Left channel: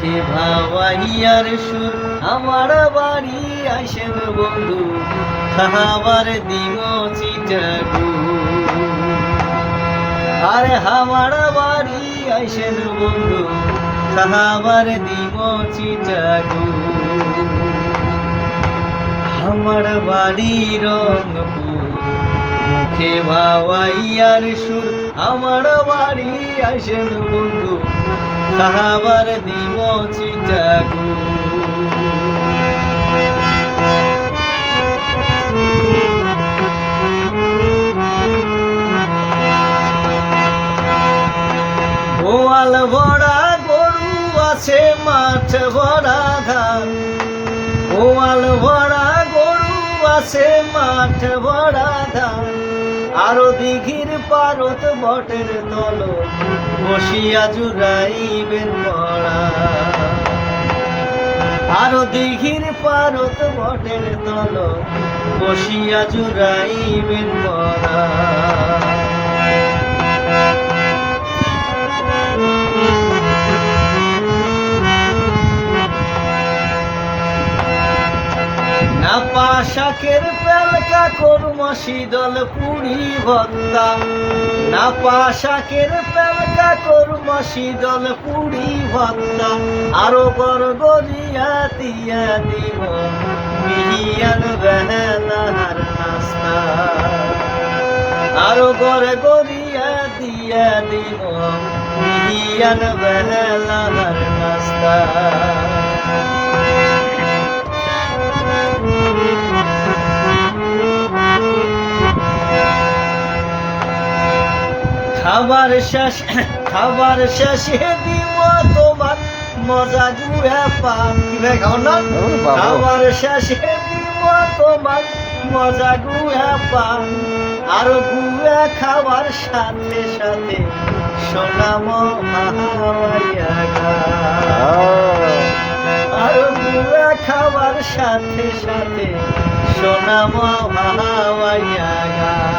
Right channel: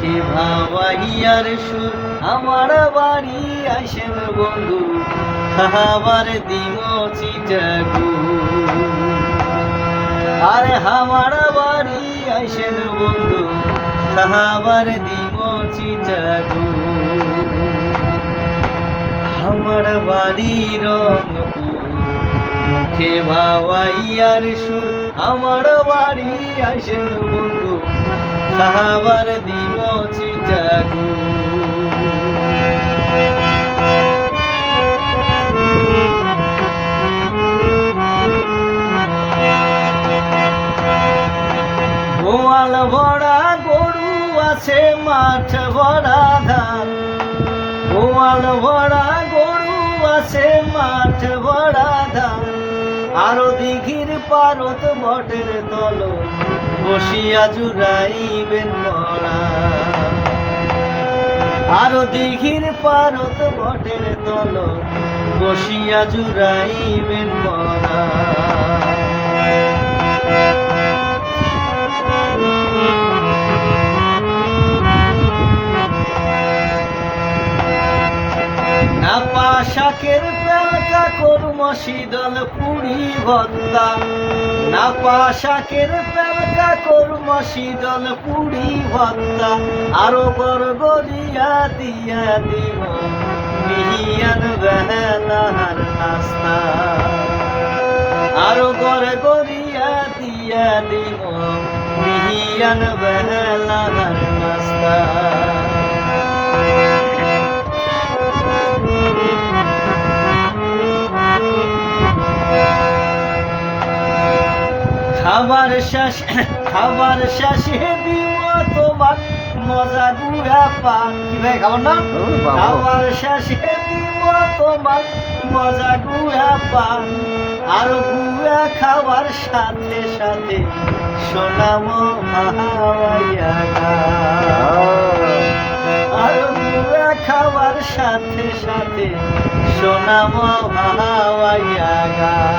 মুখে ভাবাইয়ার সুর, আমার বাড়ি আসেন বন্ধু, খাবার দিম চিটাগু। আরে আমার বাড়ি আসেন বন্ধু, খাবার দিম চিটাগু। আমার বাড়ি মুখে ভাওয়াইয়ার সুর, আমার বাড়ি আসেন বন্ধু খাবার দিব চিটাগু গোয়াল ভরা গরু আছে, মাঠ ভরা ধান। গোয়াল ভরা গরু আছে, মাঠ ভরা ধান। আরও দিঘির পারত বটের তল, বসিয়া জুড়াইবেন পড়া। আরও দিঘির পারত বটের তল, বসিয়া জুড়াইবেন পড়া। না পাশাকের পেলকা করম শীতল পুরি ভত্তা না পাশাকের পেলকা করম শীতল পুরি ভত্তা আরও বর গরিয়া দিয়া দিব মিহিয়ান বেহানার নাস্তা আরও গর গরিয়া দিয়া দিব মিহিয়ান বেহানার নাস্তা খাবার শেষ খাবার শেষে দিব তোমার মজা গুয়া পান। খাবার না? খাবার শেষে দিব তোমার মজা গুয়া পান। আর গুয়া খাবার সাথে সাথে সোনাম আর গুয়া খাবার সাথে সাথে সোনাম হাওয়াইয়া গান।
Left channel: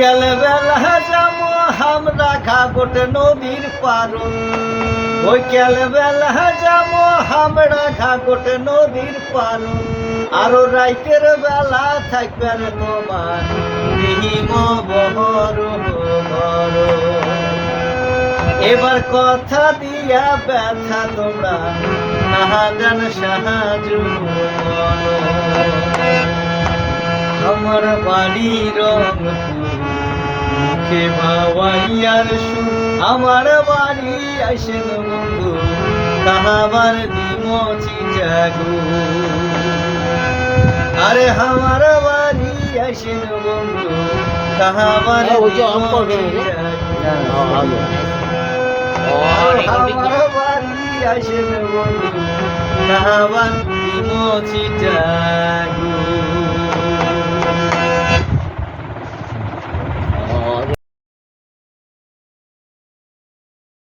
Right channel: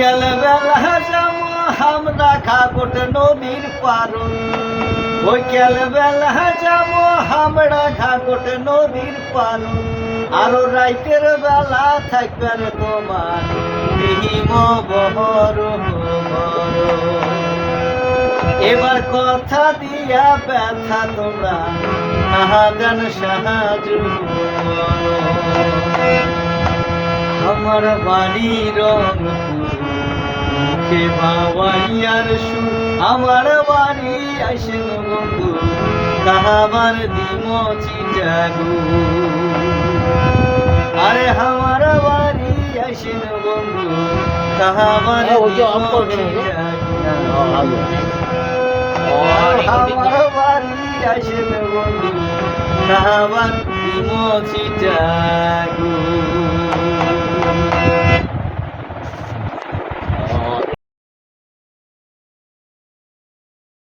বৈকাল বেলা যাব আমরা ঘাগট নদীর পারো। বৈকাল বেলা যাব আমরা ঘাগট নদীর পারো। আরও রাইতের বেলা থাকবেন তোমার এবার কথা দিয়া ব্যথা তোমরা নাহাদান সাহায্য আমার বাড়ি রংপুর মুখে বাবাইয়ার সু আমার বাড়ি আসেন বন্ধু কাহাবার দিম চিটাগু আরে আমার বাড়ি আসেন বন্ধু কাহাবার দিম চিটাগু আমার বাড়ি আসেন বন্ধু কাহাবার দিম চিটাগু